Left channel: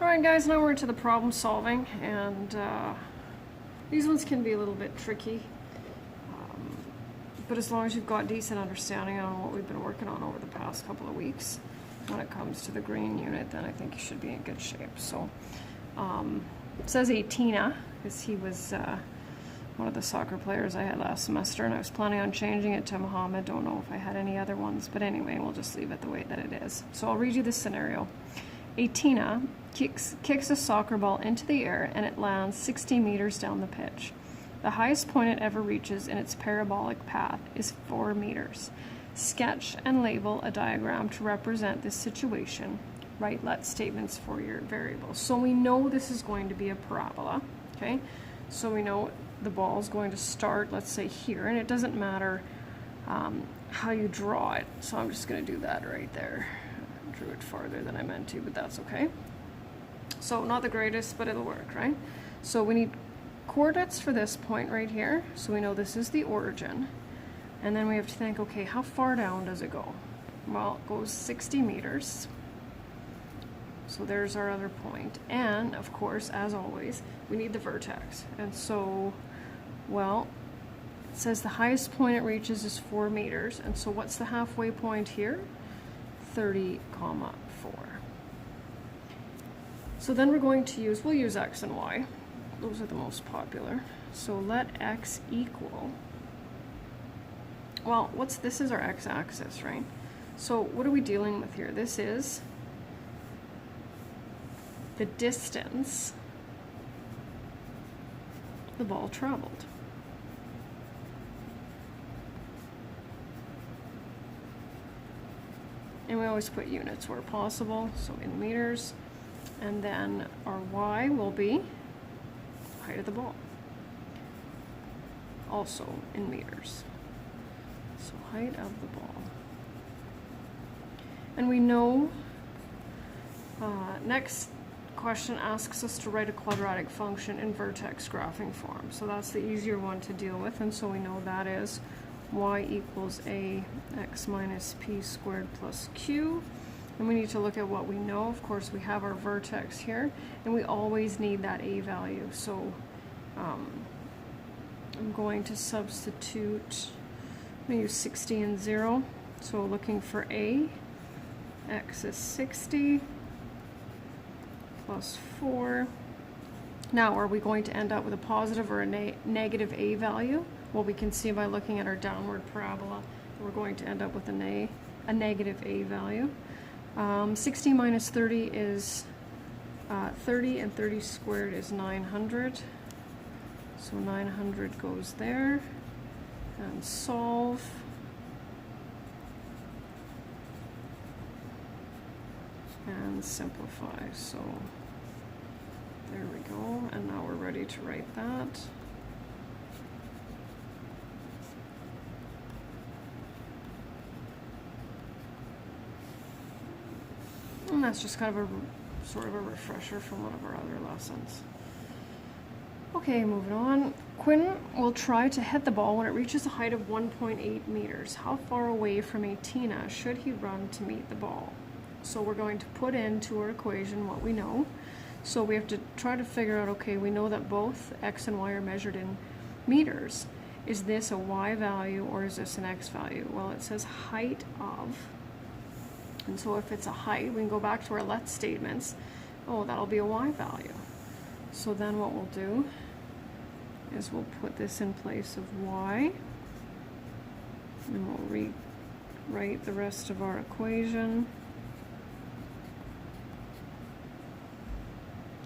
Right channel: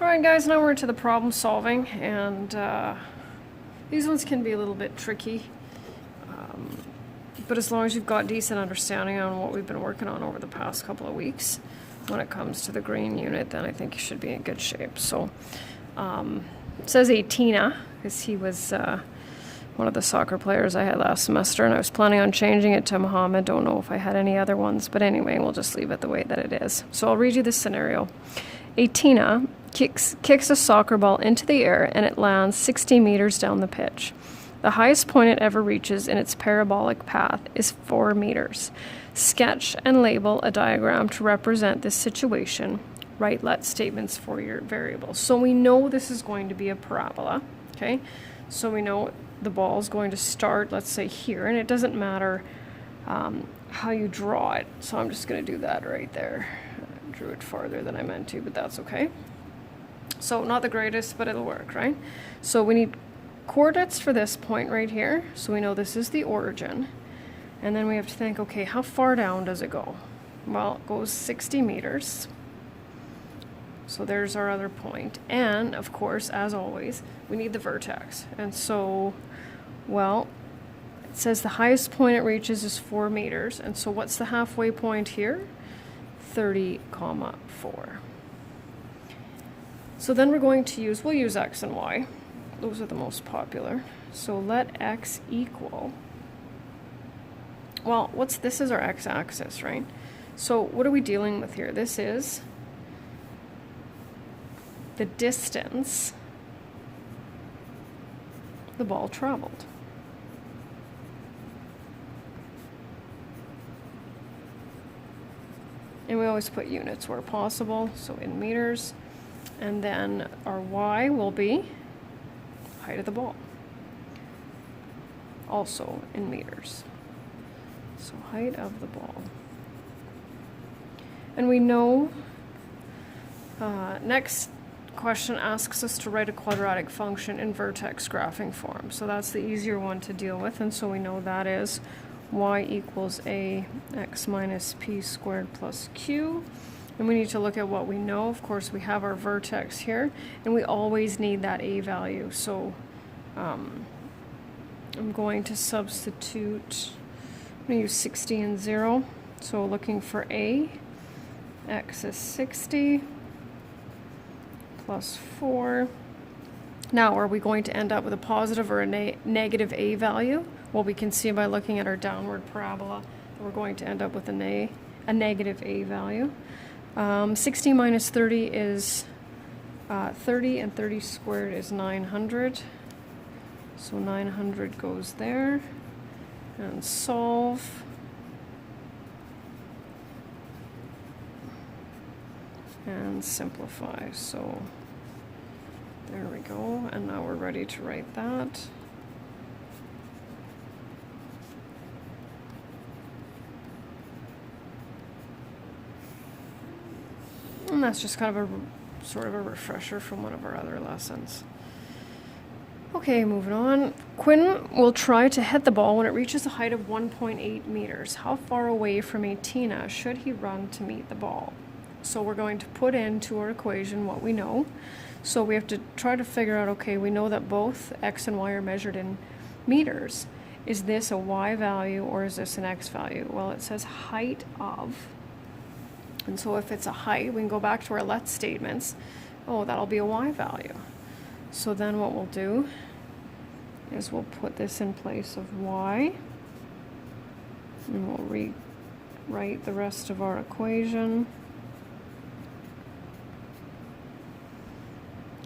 Alright guys, now we're into the problem solving, and these ones can be a little bit tricky, but as long as you've got decent understanding on what we've been working on over the past couple of weeks when it comes to the green unit, then I think you should be in good shape. So it says Atina, because he was one of the soccer players I had last semester, and I was planning on changing it to Muhammad. Don't know if I had any other ones, but anyway, we'll just leave it the way that it is. So I'll read you the scenario. Atina kicks a soccer ball into the air and it lands 60 meters down the pitch. The highest point it ever reaches in its parabolic path is 4 meters. Sketch and label a diagram to represent this situation. Write let statements for your variables. So we know this is going to be a parabola, okay? So we know the ball is going to start, let's say here, and it doesn't matter how you draw it. So I'm just going to do that right there. Drew it farther than I meant to, but that's okay. So not the greatest, but it'll work, right? So we need coordinates for this point right here. So we know this is the origin. And then we have to think, okay, how far down does it go? Well, it goes 60 meters. So there's our other point. And of course, as always, we need the vertex. And so, well, it says the highest point it reaches is 4 meters. And so what's the halfway point here? 30, 4. So then we're going to we'll use x and y. Those are the most popular. So let x equal, well, this is our x-axis, right? So what are we dealing with here? This is the distance the ball traveled. And we always put units where possible, so in meters. And then our y will be height of the ball, also in meters. So height of the ball. And we know, next question asks us to write a quadratic function in vertex graphing form. So that's the easier one to deal with, and so we know that is y equals ax minus p squared plus q. And we need to look at what we know. Of course, we have our vertex here, and we always need that a value. So I'm going to substitute, I'm going to use 60 and 0. So looking for a, x is 60 plus 4. Now, are we going to end up with a positive or a negative a value? Well, we can see by looking at our downward parabola that we're going to end up with a negative a value. 60 minus 30 is 30, and 30 squared is 900. So 900 goes there. And solve. And simplify. So there we go. And now we're ready to write that. And that's just kind of a sort of a refresher from one of our other lessons. Okay, moving on. Quinn will try to hit the ball when it reaches a height of 1.8 meters. How far away from Atina should he run to meet the ball? So we're going to put into our equation what we know. So we have to try to figure out, okay, we know that both x and y are measured in meters. Is this a y value or is this an x value? Well, it says height of. And so if it's a height, we can go back to our let statements. Oh, that'll be a y value. So then what we'll do is we'll put this in place of y. And we'll rewrite the rest of our equation.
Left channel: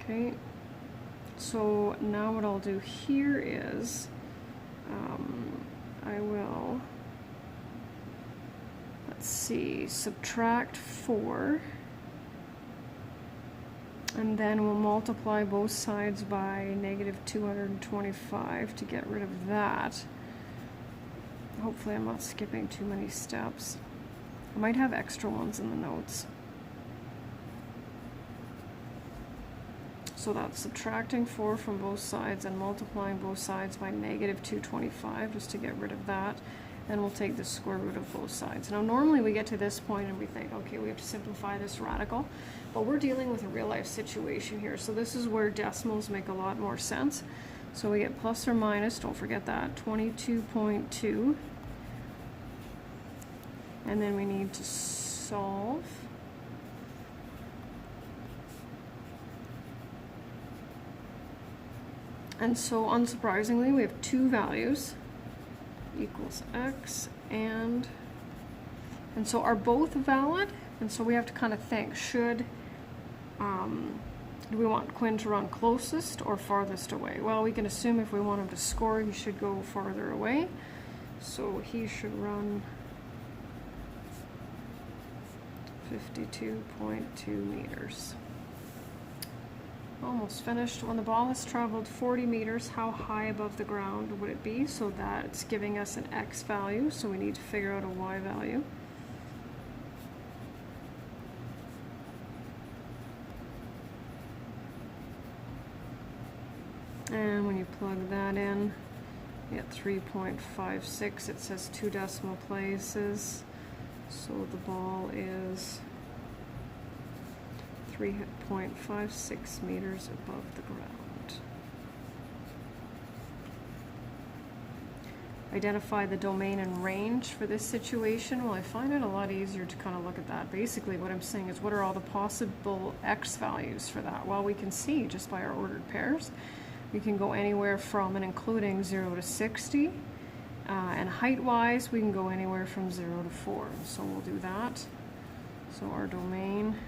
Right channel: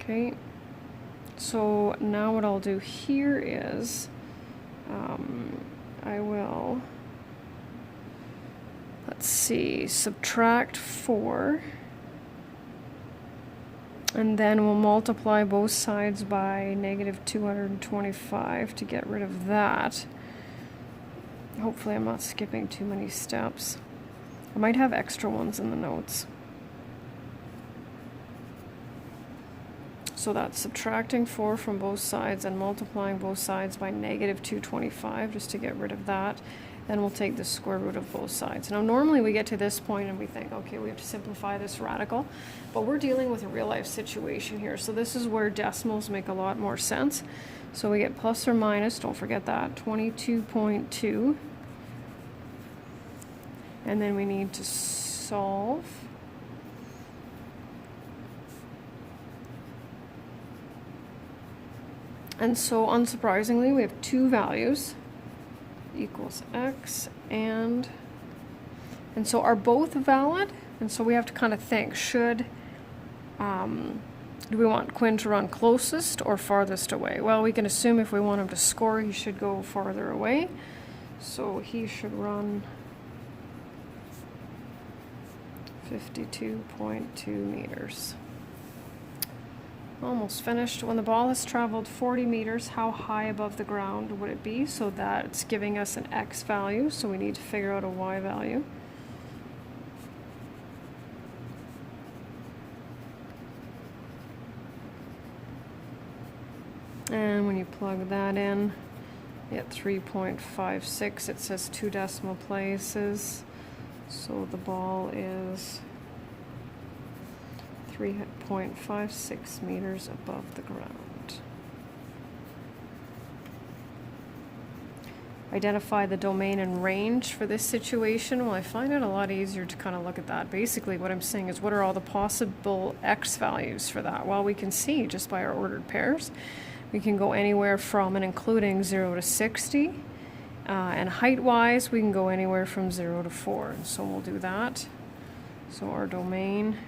Okay. So now what I'll do here is I will, let's see, subtract 4, and then we'll multiply both sides by negative 225 to get rid of that. Hopefully I'm not skipping too many steps. I might have extra ones in the notes. So that's subtracting 4 from both sides and multiplying both sides by negative 225 just to get rid of that. Then we'll take the square root of both sides. Now normally we get to this point and we think, okay, we have to simplify this radical, but we're dealing with a real life situation here. So this is where decimals make a lot more sense. So we get plus or minus, don't forget that, 22.2. And then we need to solve. And so unsurprisingly, we have two values, equals x, and so are both valid? And so we have to kind of think, do we want Quinn to run closest or farthest away? Well, we can assume if we want him to score, he should go farther away. So he should run 52.2 meters. Almost finished. When the ball has traveled 40 meters, how high above the ground would it be? So that's giving us an x value, so we need to figure out a y value. And when you plug that in, you get 3.56. It says 2 decimal places. So the ball is 3.56 meters above the ground. Identify the domain and range for this situation. Well, I find it a lot easier to kind of look at that. Basically, what I'm saying is, what are all the possible x values for that? Well, we can see just by our ordered pairs. We can go anywhere from and including 0 to 60. And height-wise, we can go anywhere from 0 to 4. And so we'll do that. So our domain.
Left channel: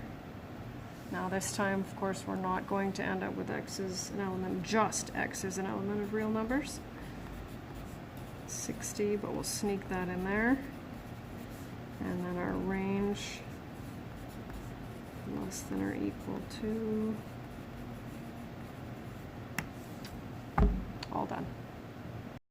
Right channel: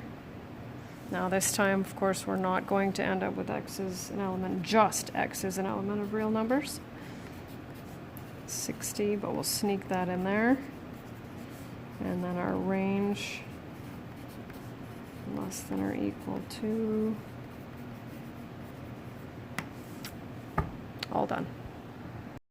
Now this time, of course, we're not going to end up with x as an element, just x as an element of real numbers. 60, but we'll sneak that in there. And then our range, less than or equal to. All done.